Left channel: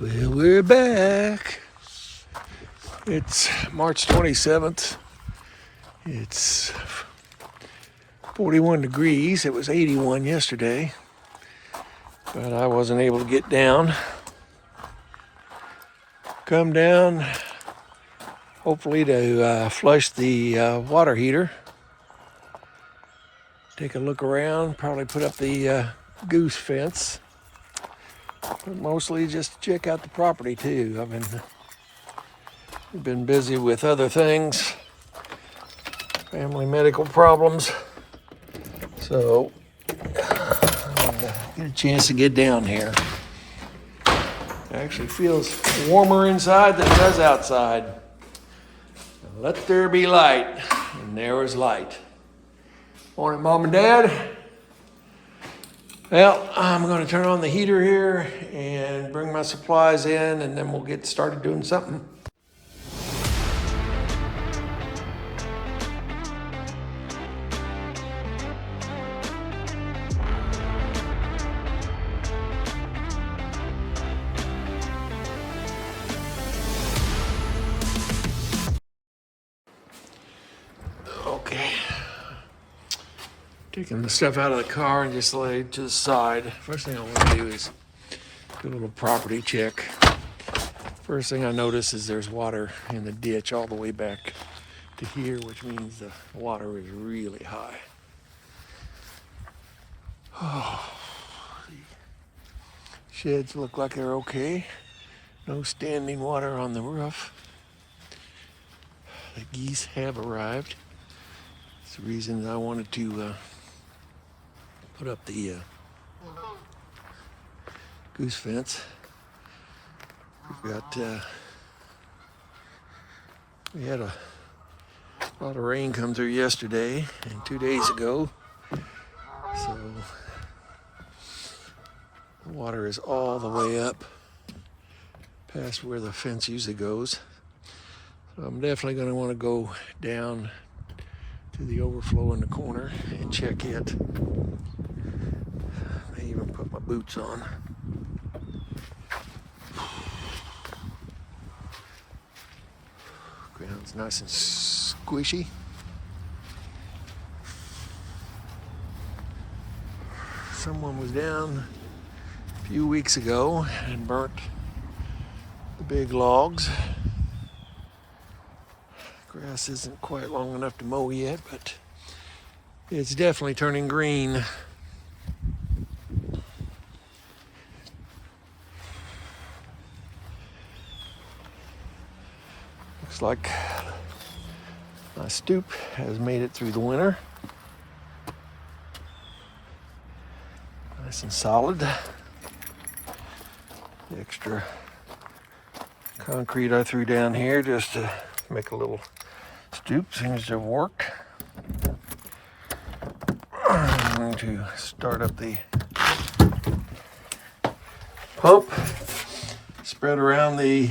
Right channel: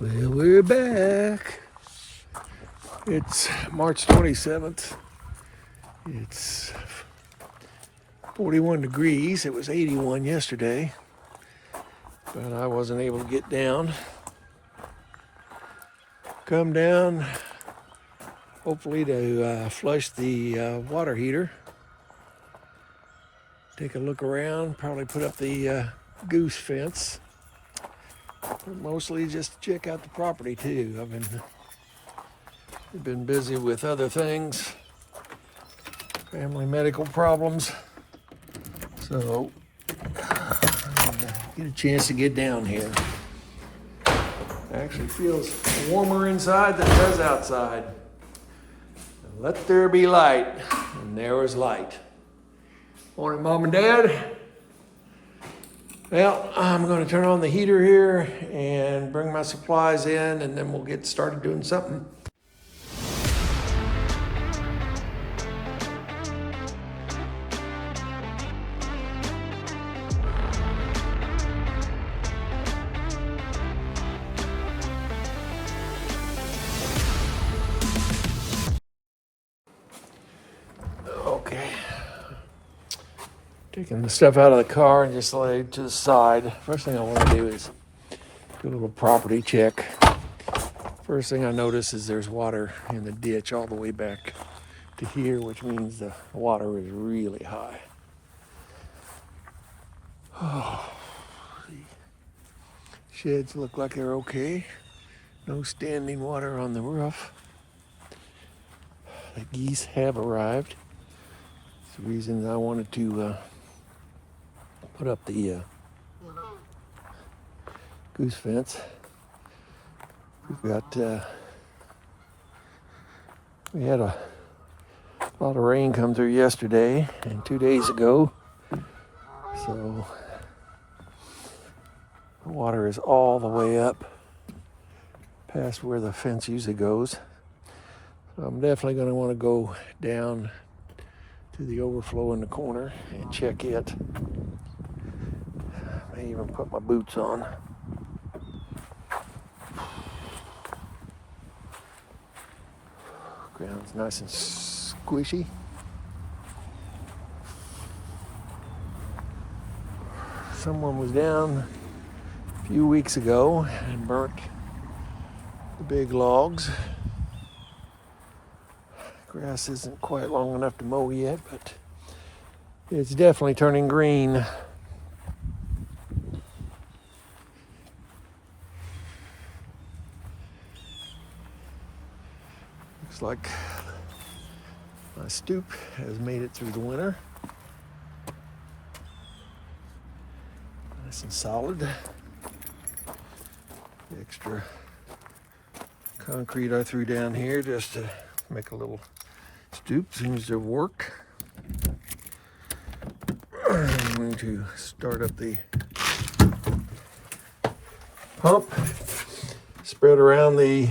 Well, we're back. It's March 27th. It's 41 degrees. It was 81 yesterday, but I wasn't able to get down. Come down, hopefully to flush the water heater. Take a look around, probably put up the goose fence. But mostly just check out the property too. I've been busy with other things, family medical problems. So I wanted to get a chance to get down here. It actually feels warmer inside than it does outside. Let there be light, and there was light. Morning, Mom and Dad. Well, I'm going to turn on the heater here and bring my supplies in, and then we'll get started doing something. Okay. Taking the stuff out of the car and just lay it to the side. First thing I want to do is do a little property check. First thing I notice is there's water in the ditch all the way back to here, which means the water is really high. Oh, the sheds look like they're okay. No standing water on the roof. The geese have arrived. It's the reason I wanted to put up the goose fence. We've got, we had a lot of rain come through yesterday and 2 days ago. So the water is all the way up past where the fence usually goes. So I'm definitely going to want to go down to the overflow in the corner and check it. May even put my boots on. Ground's nice and squishy. Someone was down a few weeks ago and burnt the big logs. Grass isn't quite long enough to mow yet, but it's definitely turning green. Looks like my stoop has made it through the winter. Nice and solid. The extra concrete I threw down here just to make a little stoop seems to have worked. I'm going to start up the pump, spread around the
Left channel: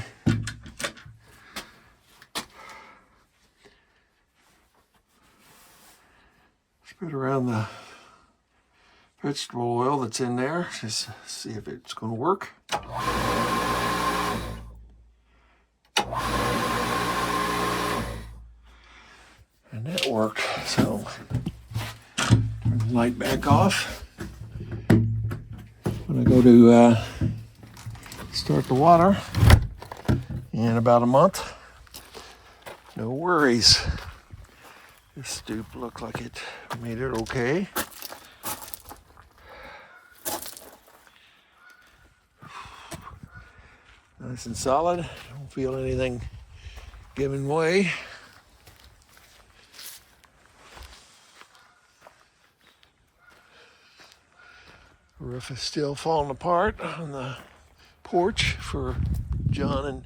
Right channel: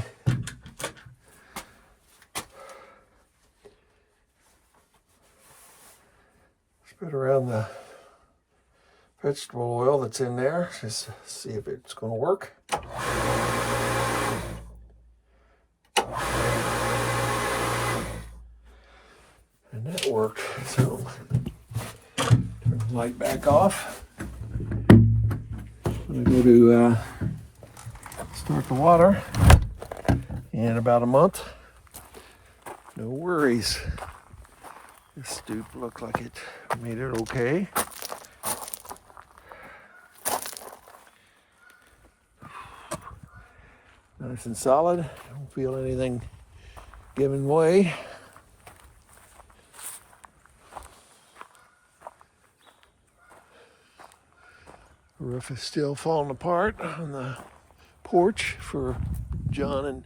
vegetable oil that's in there, just see if it's going to work. And that worked, so turn the light back off. I'm going to go to start the water in about a month. No worries. This stoop looked like it made it okay. Nice and solid. Don't feel anything giving way. The roof is still falling apart on the porch for John and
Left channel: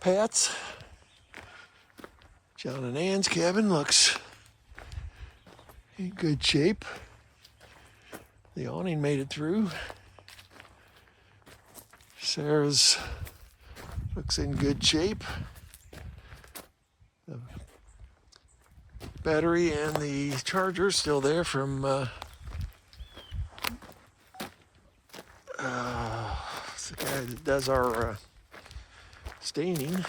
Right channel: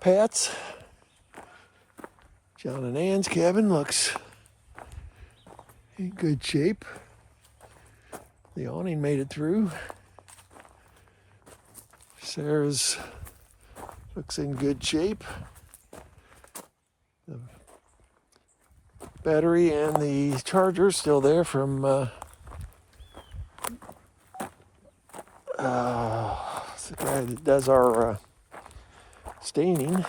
Pat's. John and Ann's cabin looks in good shape. The awning made it through. Sarah's looks in good shape. The battery and the charger still there from It's the guy that does our staining.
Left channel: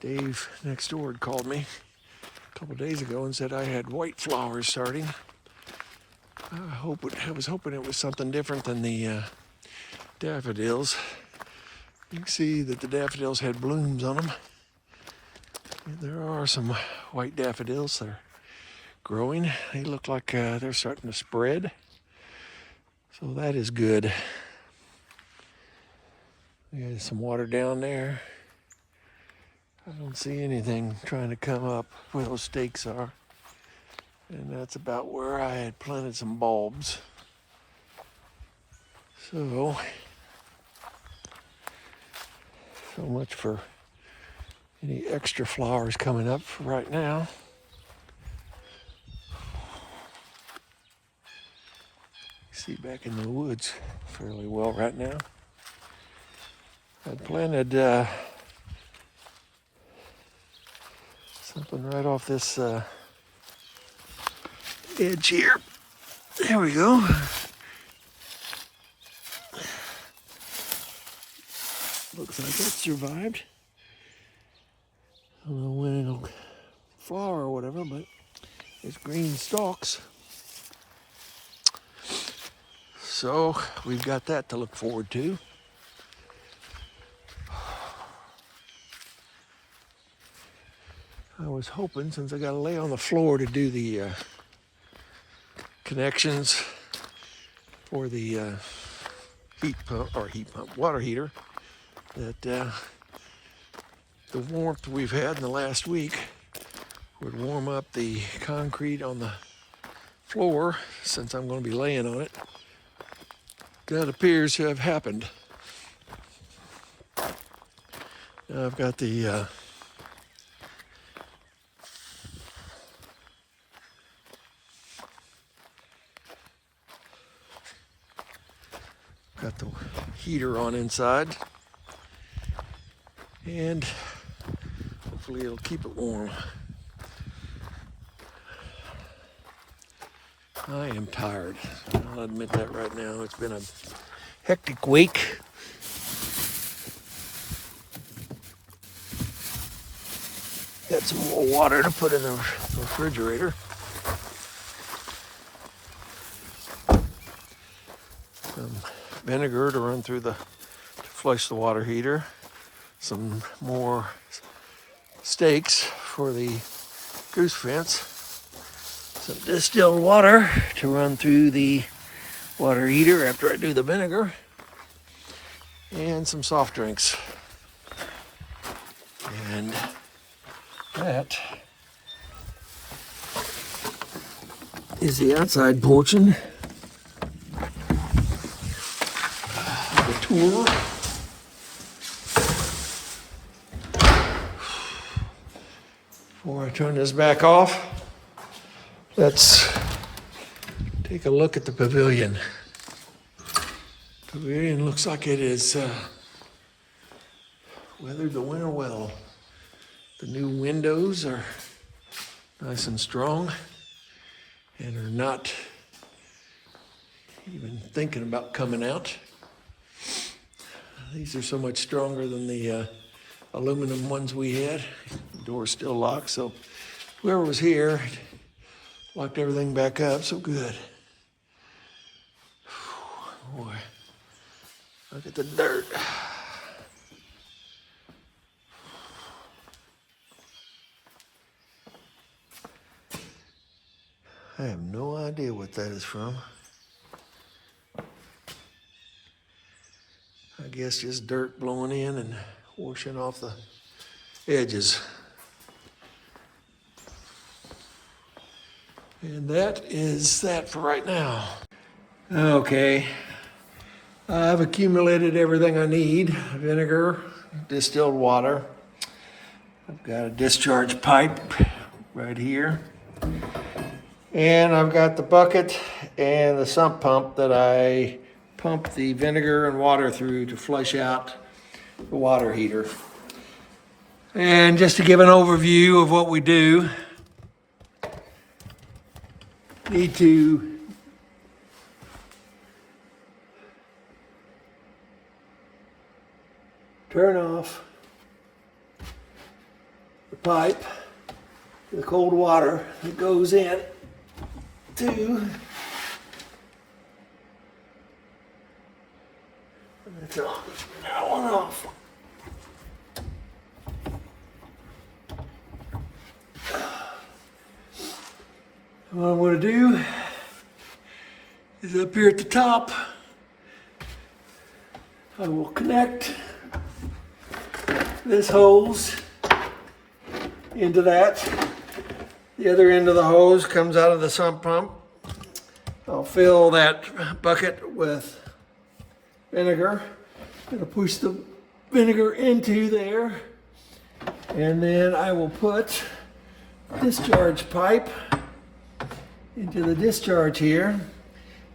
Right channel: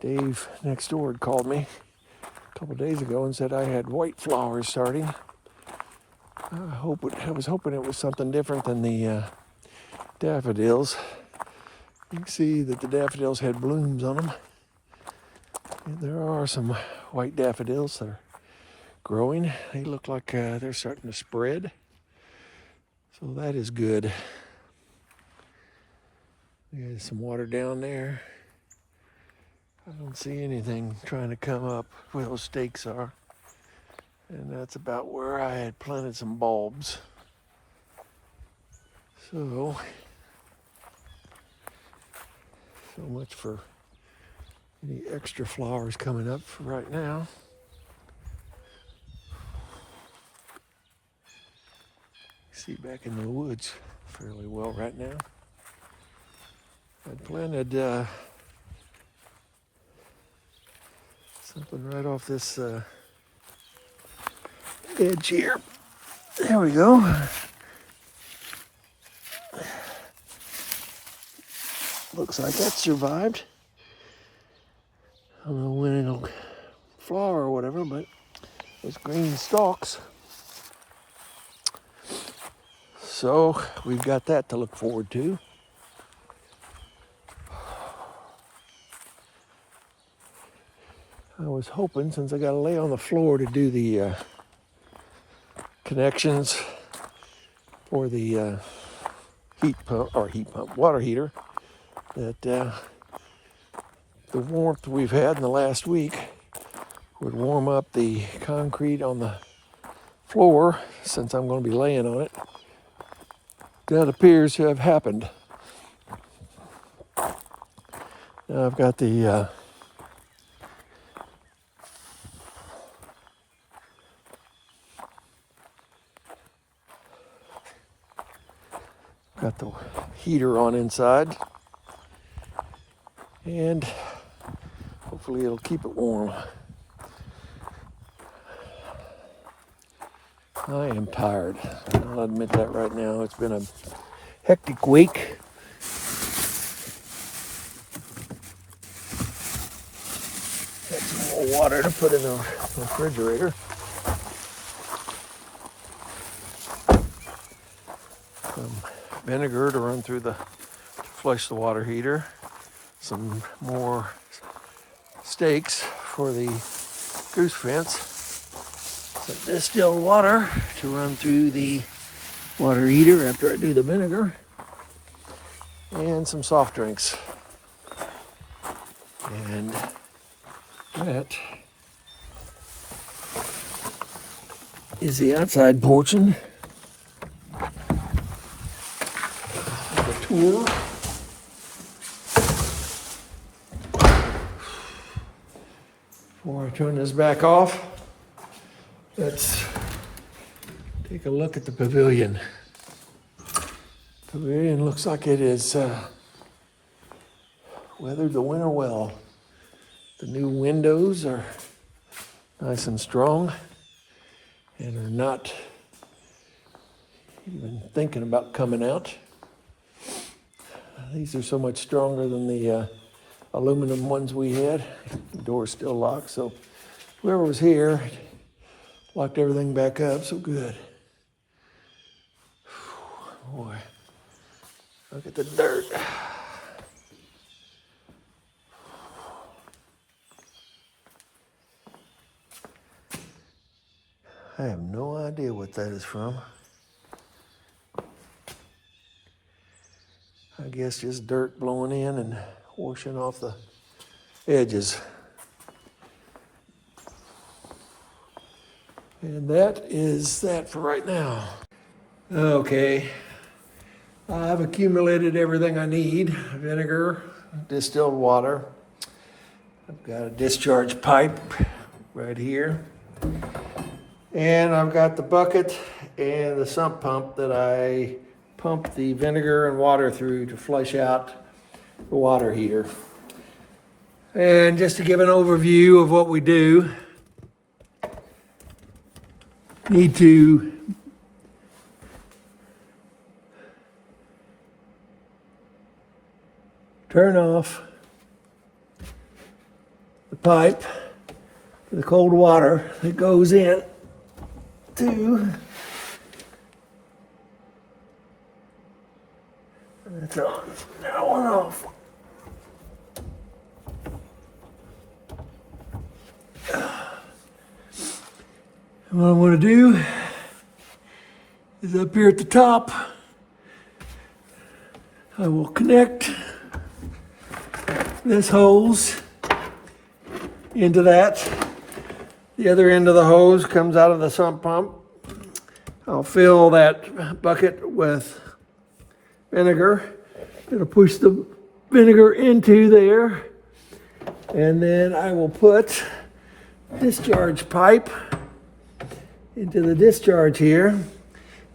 Dave next door had called me a couple days ago and said I had white flowers starting. I was hoping it was something different than the daffodils. You can see that the daffodils had blooms on them. And there are some white daffodils that are growing. They look like they're starting to spread. So that is good. There's some water down there. I don't see anything trying to come up where those stakes are. And that's about where I had planted some bulbs. So much for any extra flowers coming up for right now. See back in the woods fairly well right now. I planted something right off this edge here. There we go. Looks like that survived. I don't know when it'll flower or whatever, but it's green stalks. So we've got that to look forward to. I was hoping, since I got to lay on the floor to do the connections for the water heater, that the warmth we've had in the last week would warm up the concrete on the floor, since I'm going to be laying on it. That appears to have happened. Now I've got the heater on inside, and hopefully it'll keep it warm. I am tired. I'll admit that right now. It's been a hectic week. Got some more water to put in the refrigerator. Some vinegar to run through to flush the water heater. Some more stakes for the goose fence. Some distilled water to run through the water heater after I do the vinegar. And some soft drinks. And that is the outside portion of the tour. Before I turn this back off, let's take a look at the pavilion. Pavilion looks like it is weathered the winter well. The new windows are nice and strong and are not even thinking about coming out. These are so much stronger than the aluminum ones we had. The door's still locked, so whoever was here locked everything back up, so good. Boy, look at the dirt. I have no idea what that is from. I guess just dirt blowing in and washing off the edges. And that is that for right now. Okay, I've accumulated everything I need. Vinegar, distilled water. I've got a discharge pipe right here. And I've got the bucket and the sump pump that I pump the vinegar and water through to flush out the water heater. And just to give an overview of what we do, need to turn off the pipe, the cold water that goes in to so that one off. What I want to do is up here at the top, I will connect this hose into that. The other end of the hose comes out of the sump pump. I'll fill that bucket with vinegar. It'll push the vinegar into there, and then I will put discharge pipe into the discharge here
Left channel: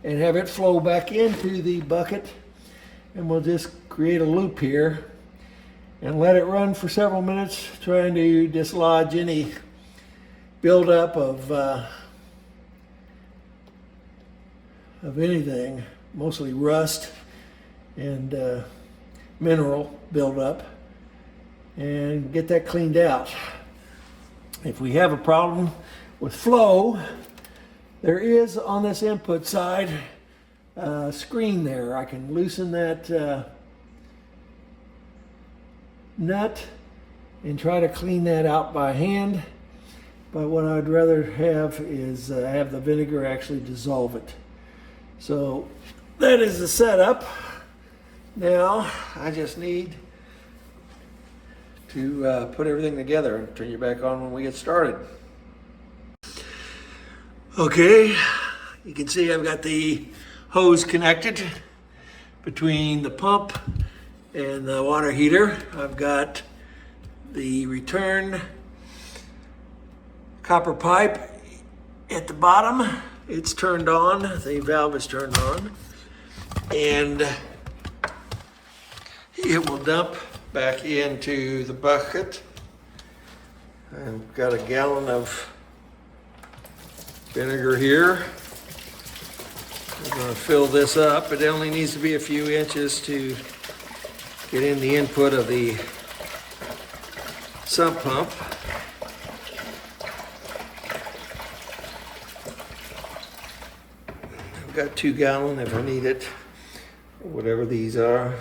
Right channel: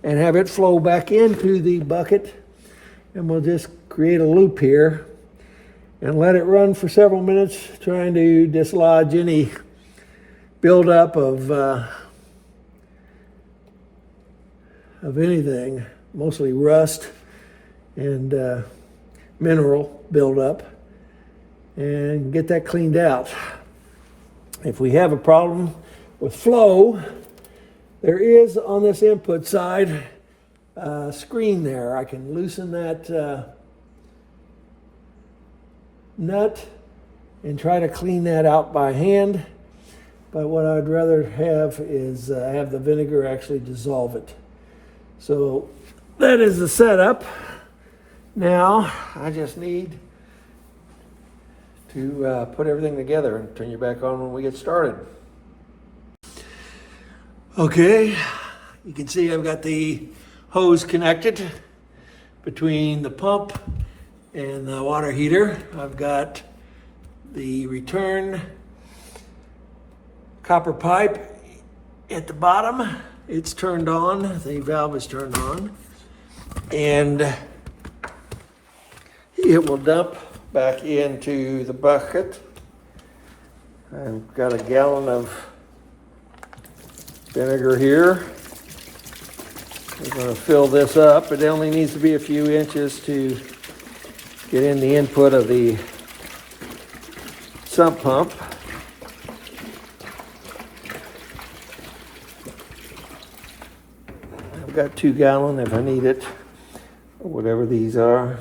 and have it flow back into the bucket, and we'll just create a loop here and let it run for several minutes, trying to dislodge any buildup of anything, mostly rust and mineral buildup, and get that cleaned out. If we have a problem with flow, there is on this input side a screen there. I can loosen that nut and try to clean that out by hand, but what I'd rather have is have the vinegar actually dissolve it. So that is the setup. Now I just need to put everything together and turn you back on when we get started. Okay, you can see I've got the hose connected between the pump and the water heater. I've got the return copper pipe at the bottom. It's turned on, the valve is turned on, and it will dump back into the bucket. I've got a gallon of vinegar here. We're going to fill this up. It only needs to be a few inches to get in the input of the sump pump. I've got 2 gallon if I need it, or whatever these are.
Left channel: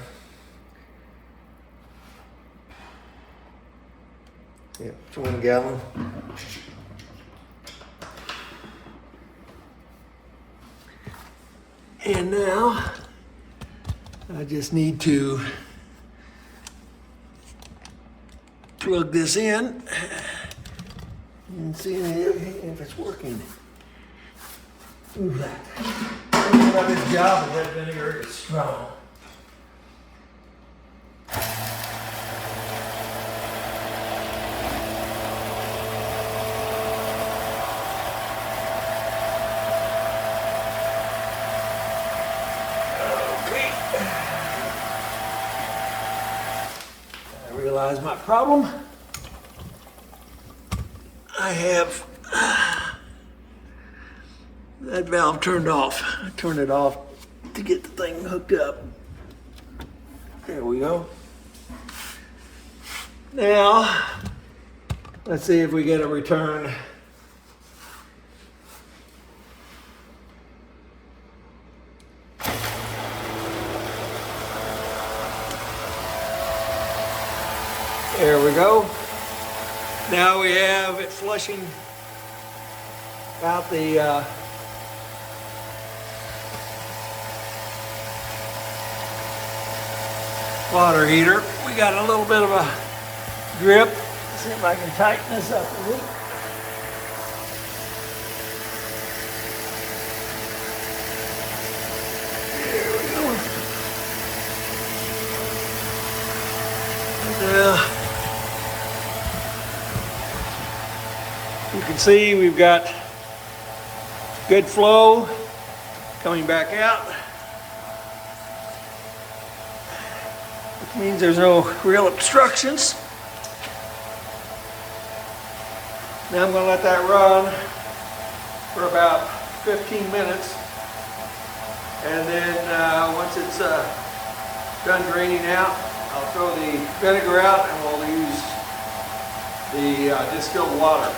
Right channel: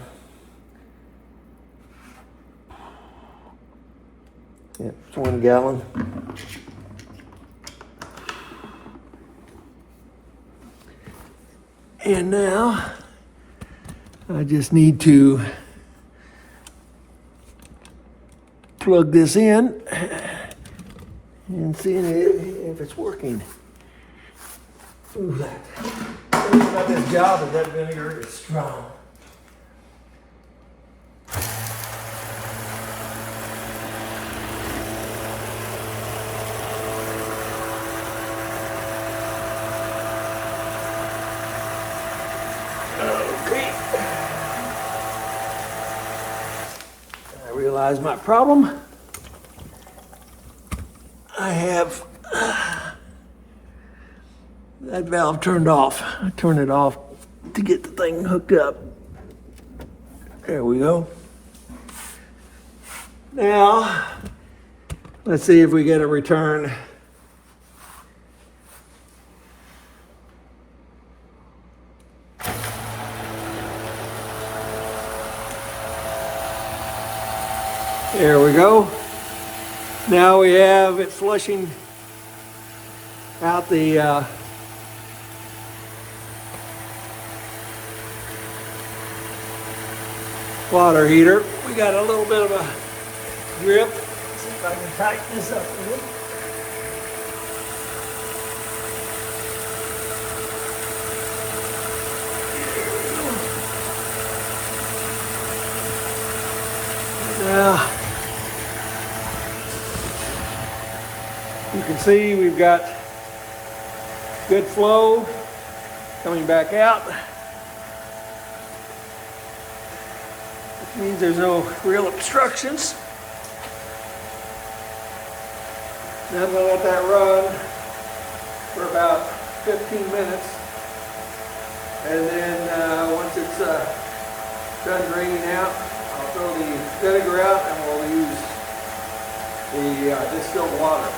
Yeah, it's 1 gallon. And now I just need to plug this in and see if it's working. Ooh, that thing about this job is that vinegar is strong. Realize my problem. I have that valve turned off. I turned it off to get the thing hooked up. There we go. Now, let's see if we get a return. There we go. Now we have it flushing out the water heater. We got a little bit of a drip. Let's see if I can tighten this up a little. Now, you can see we've got good flow coming back out, which means there's no real obstructions. Now I'm going to let that run for about 15 minutes. And then once it's done draining out, I'll throw the vinegar out and we'll use the distilled water.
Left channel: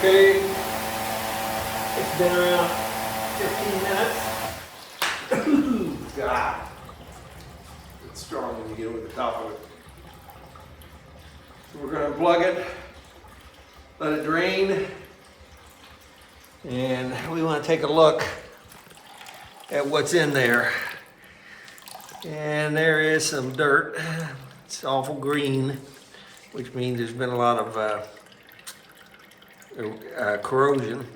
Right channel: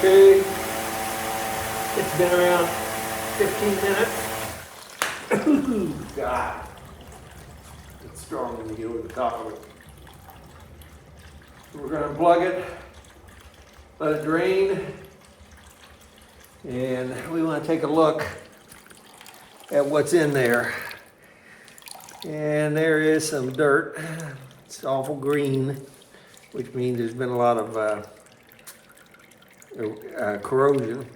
Okay, it's been around 15 minutes. God, it's strong when you get with the top of it. So we're going to plug it, let it drain, and we want to take a look at what's in there. And there is some dirt. It's awful green, which means there's been a lot of corrosion.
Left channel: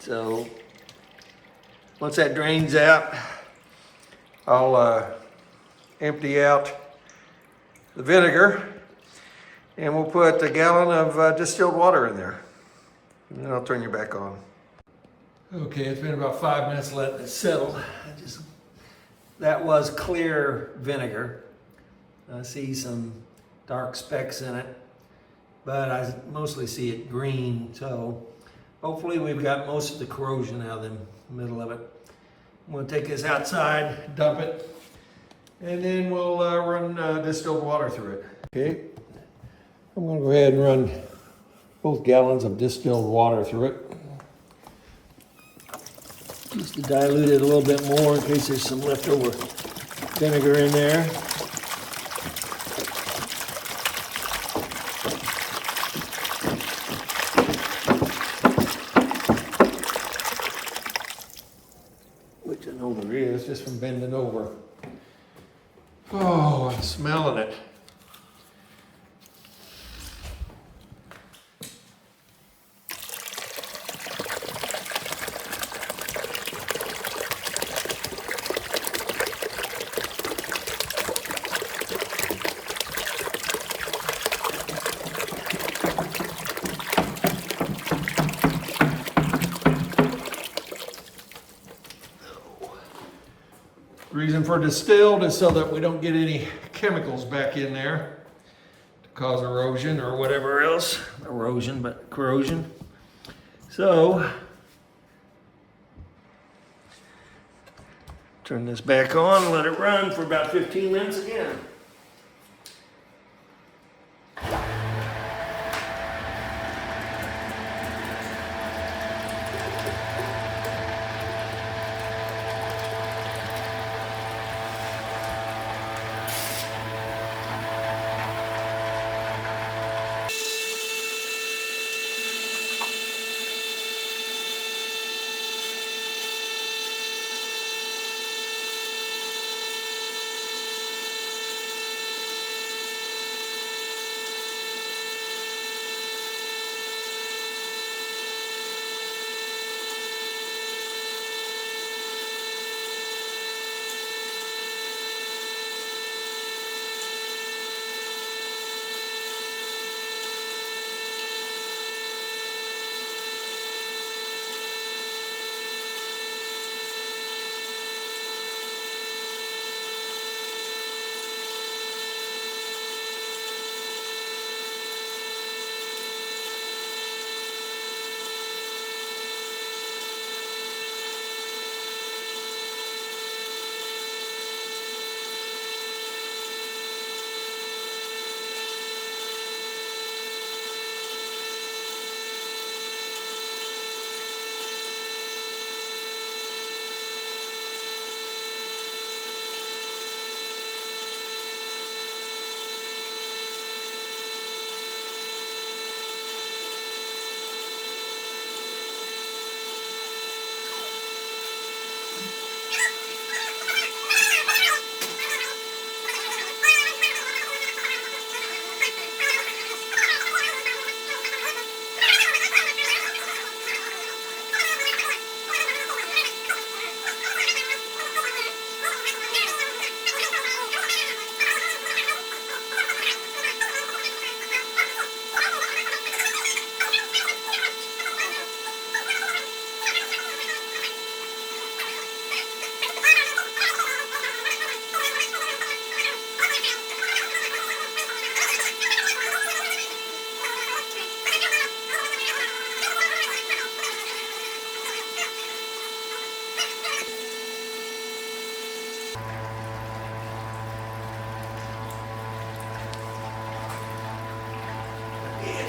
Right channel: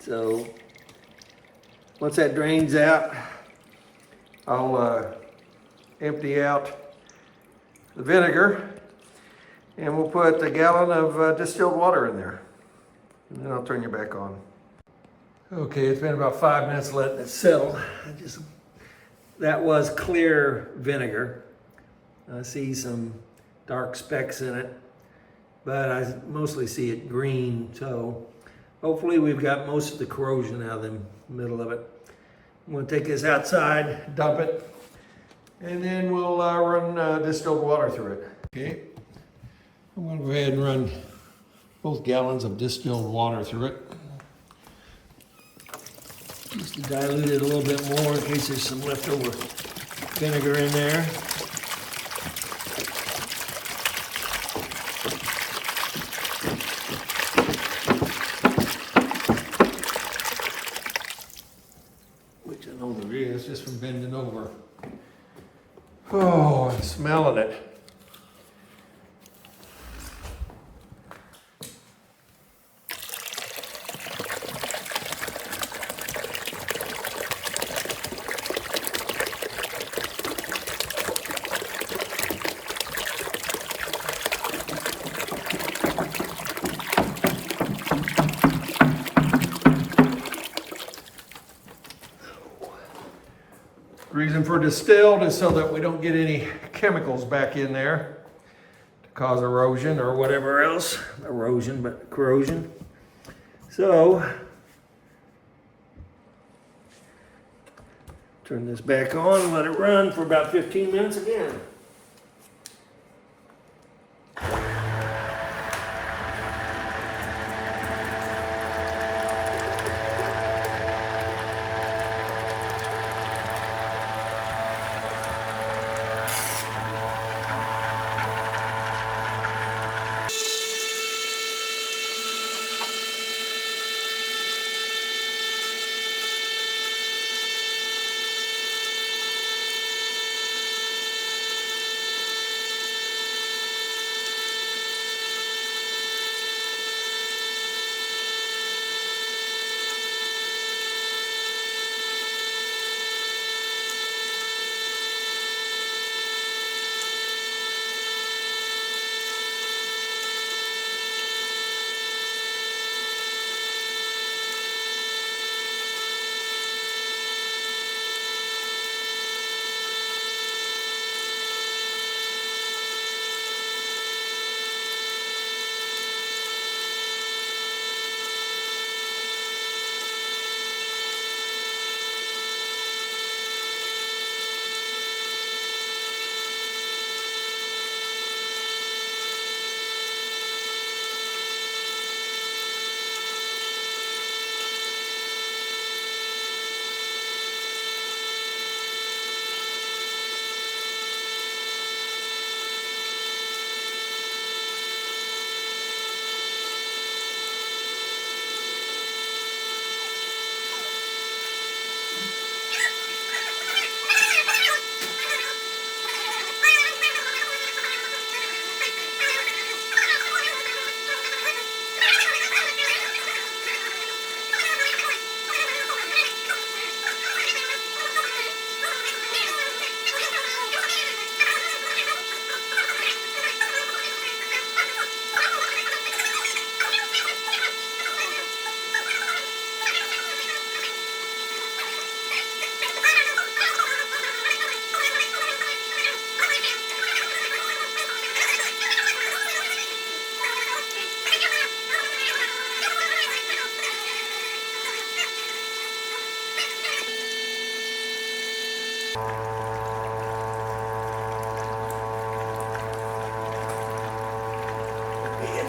So once that drains out, I'll empty out the vinegar, and we'll put a gallon of distilled water in there. And then I'll turn you back on. Okay, it's been about 5 minutes letting it settle. That was clear vinegar. I see some dark specks in it, but I mostly see it green, so hopefully we've got most of the corrosion out of the middle of it. I'm gonna take this outside, dump it, and then we'll run distilled water through it. Okay, I'm gonna go ahead and run both gallons of distilled water through it. Just to dilute it a little bit more in case there's some leftover vinegar in there. Which I know there is just from bending over. Oh, I'm smelling it. Reason for distilled is so that we don't get any chemicals back in there to cause erosion or whatever else. Erosion, but corrosion. So, turn this back on, let it run for about 15 minutes again.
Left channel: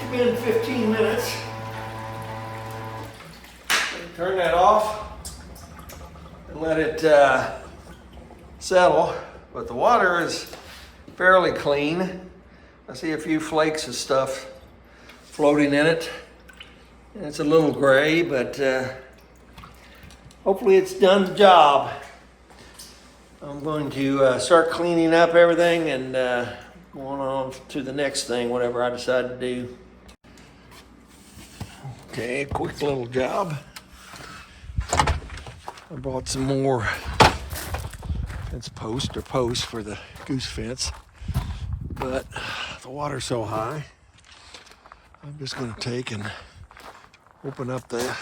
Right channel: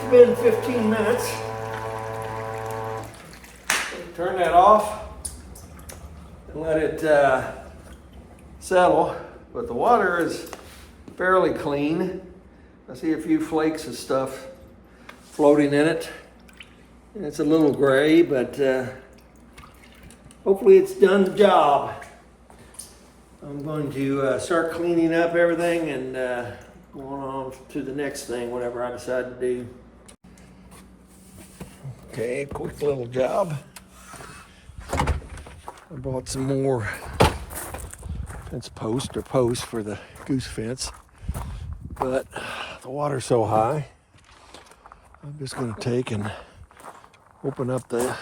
It's been 15 minutes. Turn that off and let it settle. But the water is fairly clean. I see a few flakes of stuff floating in it. And it's a little gray, but hopefully it's done the job. I'm going to start cleaning up everything and going on to the next thing, whatever I decide to do. Okay, quick little job. I bought some more fence post or post for the goose fence. But the water's so high, I'm just going to take and open up the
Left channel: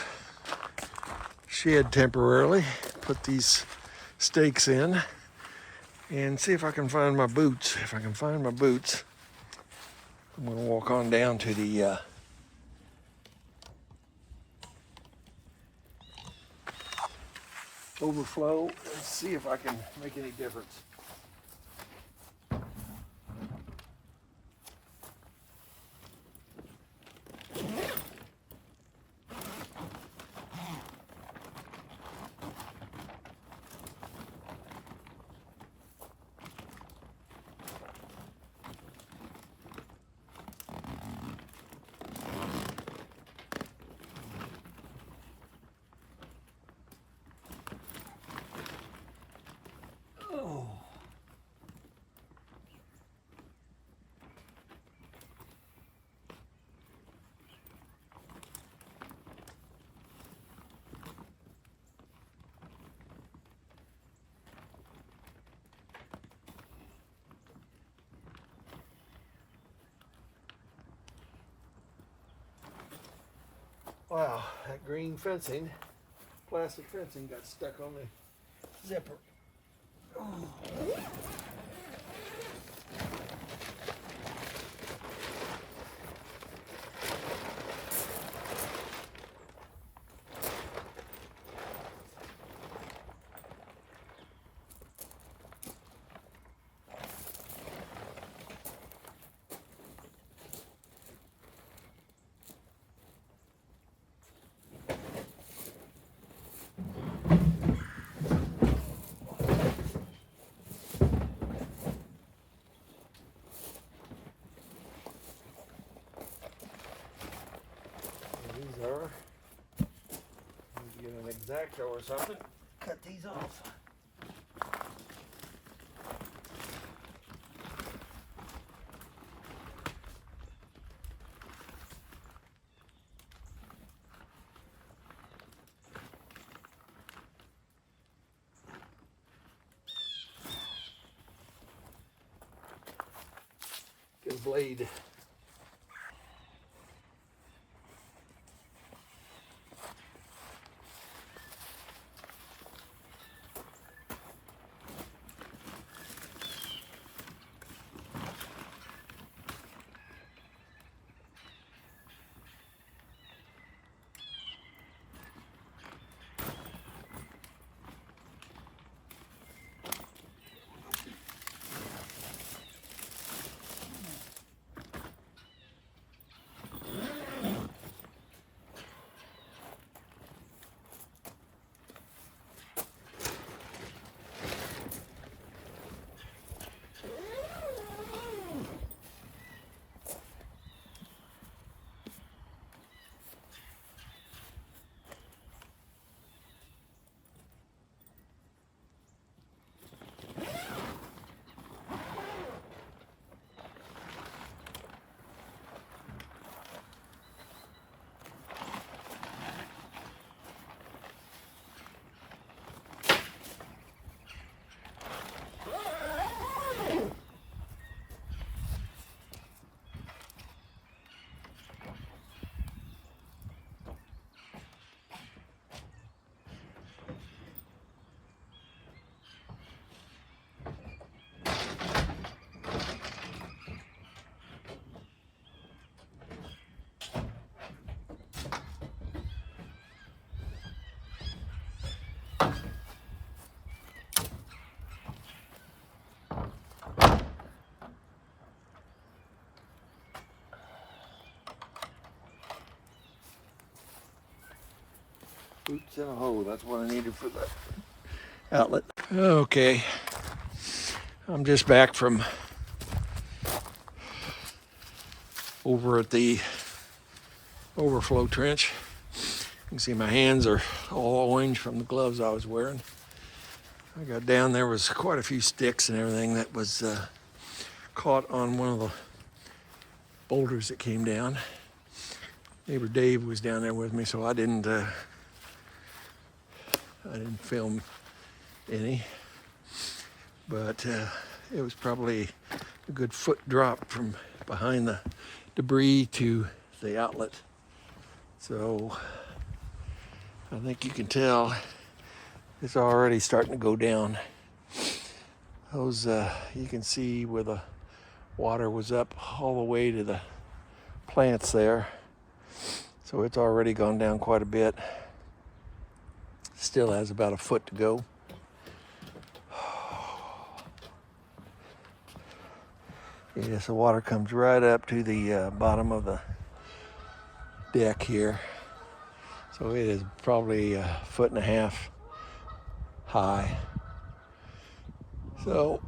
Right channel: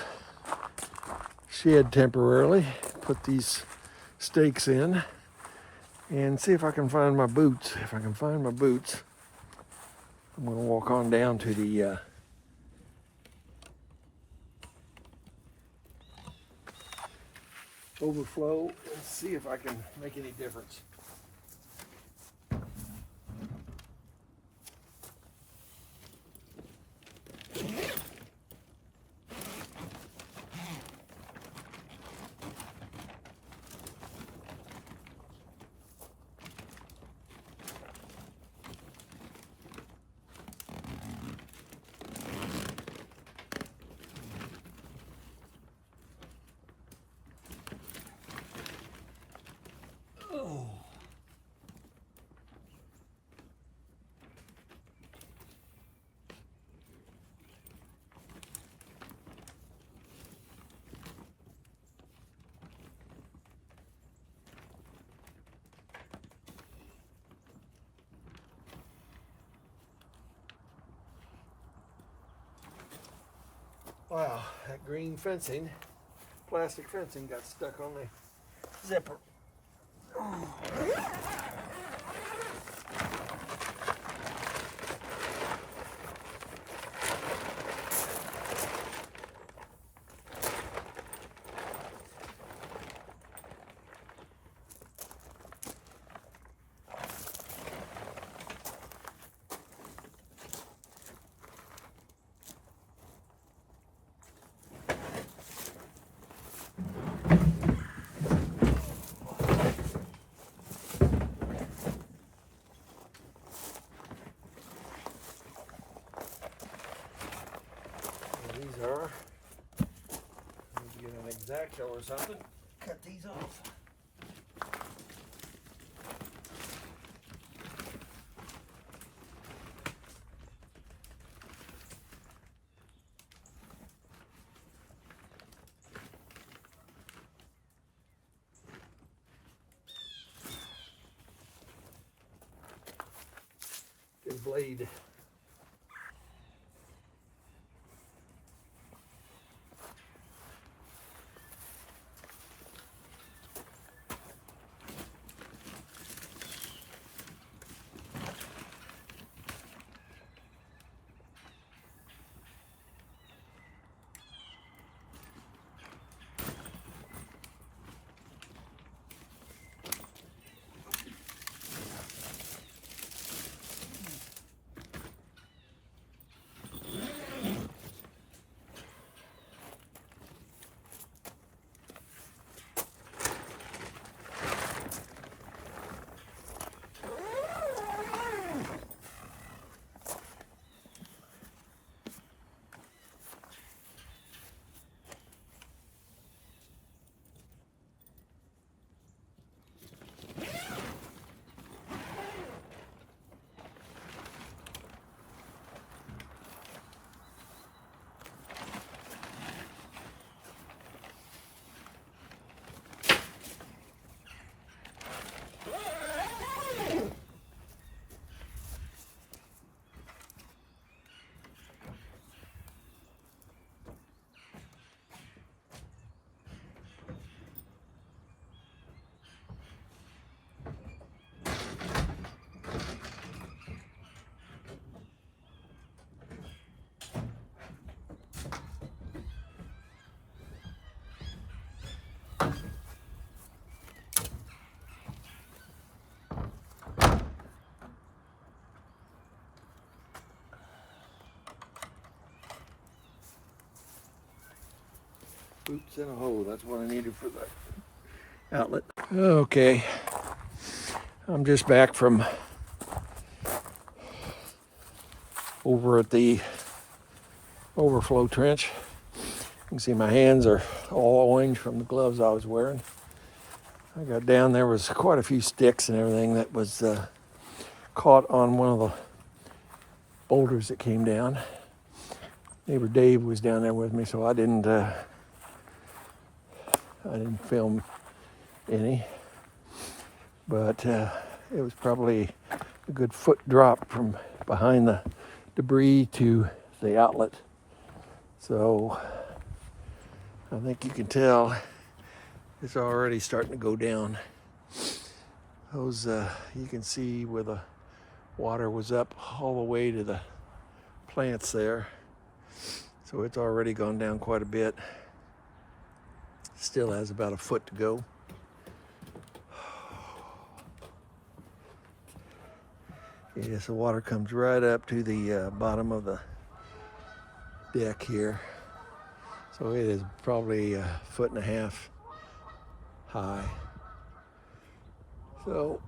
shed temporarily, put these stakes in, and see if I can find my boots. If I can find my boots, I'm going to walk on down to the overflow and see if I can make any difference. Oh. Wow, that green fencing, plastic fencing got stuck on the zipper. Oh. These are, I need to get an X-Acto or something, cut these off. Get a blade. Boots in a hole, that's what I needed for the outlet. Okay, I'm just back from over at the overflow trench. You can see my hands are all orange from the gloves I was wearing. I got down, there was quite a few sticks and everything that was caught on one of the boulders that came down. Neighbor Dave was down there with me, so I didn't film any. but it was probably a good foot drop from behind the debris to the outlet. So I think you can tell it's already starting to go down. Those, you can see where the water was up all the way to the plants there. So it's already gone down quite a bit. Still has about a foot to go. Yes, the water comes right up to the bottom of the deck here. So it is probably a foot and a half high. So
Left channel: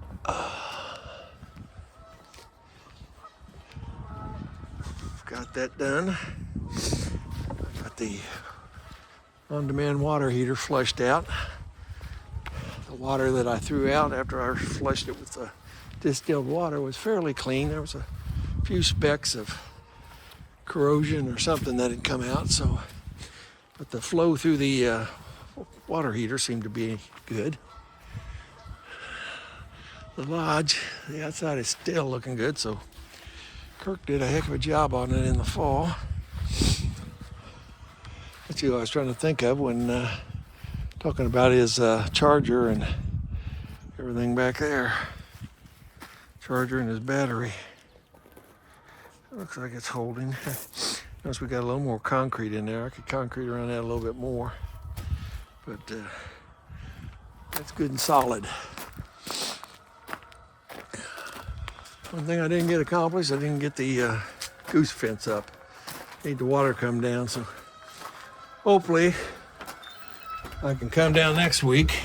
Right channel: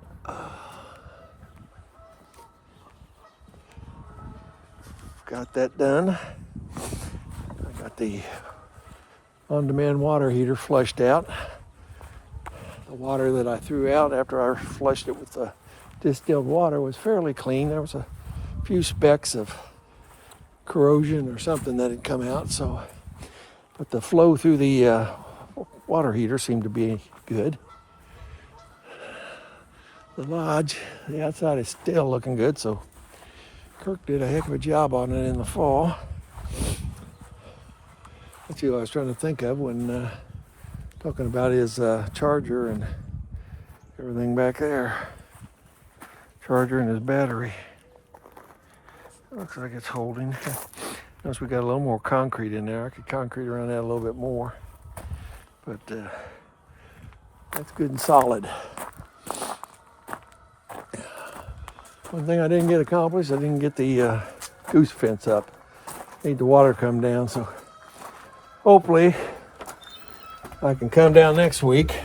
got that done. I got the on-demand water heater flushed out. The water that I threw out after I flushed it with the distilled water was fairly clean. There was a few specks of corrosion or something that had come out. So, but the flow through the water heater seemed to be good. The lodge, the outside is still looking good. So Kirk did a heck of a job on it in the fall. That's who I was trying to think of when talking about his charger and everything back there. Charger and his battery. It looks like it's holding. Notice we got a little more concrete in there. I could concrete around that a little bit more. But that's good and solid. One thing I didn't get accomplished, I didn't get the goose fence up. Need the water to come down, so hopefully I can come down next week.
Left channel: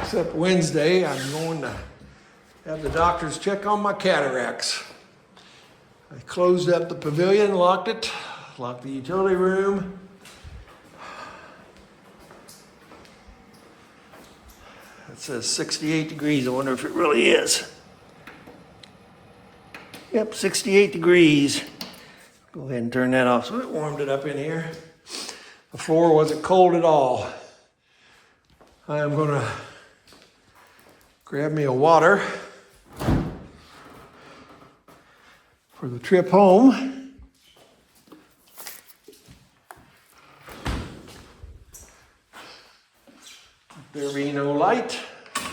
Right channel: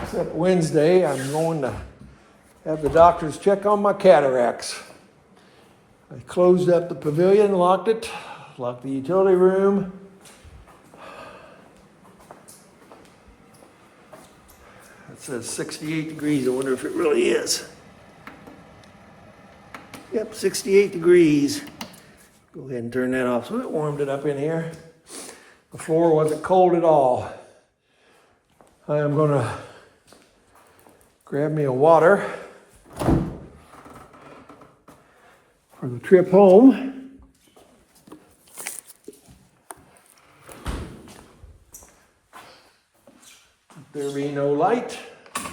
Except Wednesday, I'm going to have the doctors check on my cataracts. I closed up the pavilion, locked it, locked the utility room. It says 68 degrees. I wonder if it really is. Yep, 68 degrees. Go ahead and turn that off. So it warmed it up in here. The floor wasn't cold at all. I am gonna grab me a water for the trip home. There be no light,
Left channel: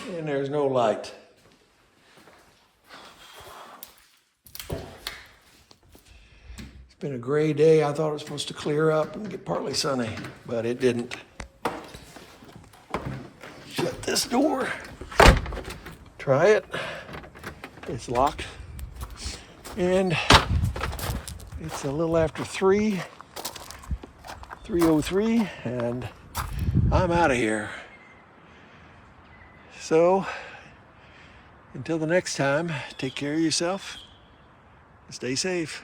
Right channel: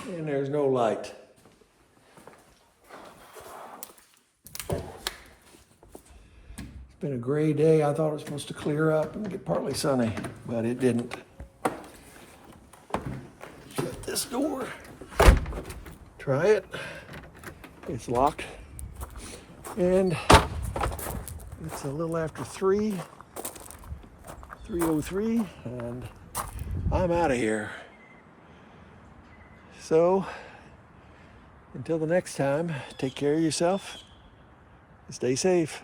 and there's no light. It's been a gray day. I thought it was supposed to clear up and get partly sunny, but it didn't. Shut this door. Try it. It's locked. And it's a little after 3:03, and I'm out of here. So, until the next time, take care of yourself and stay safe.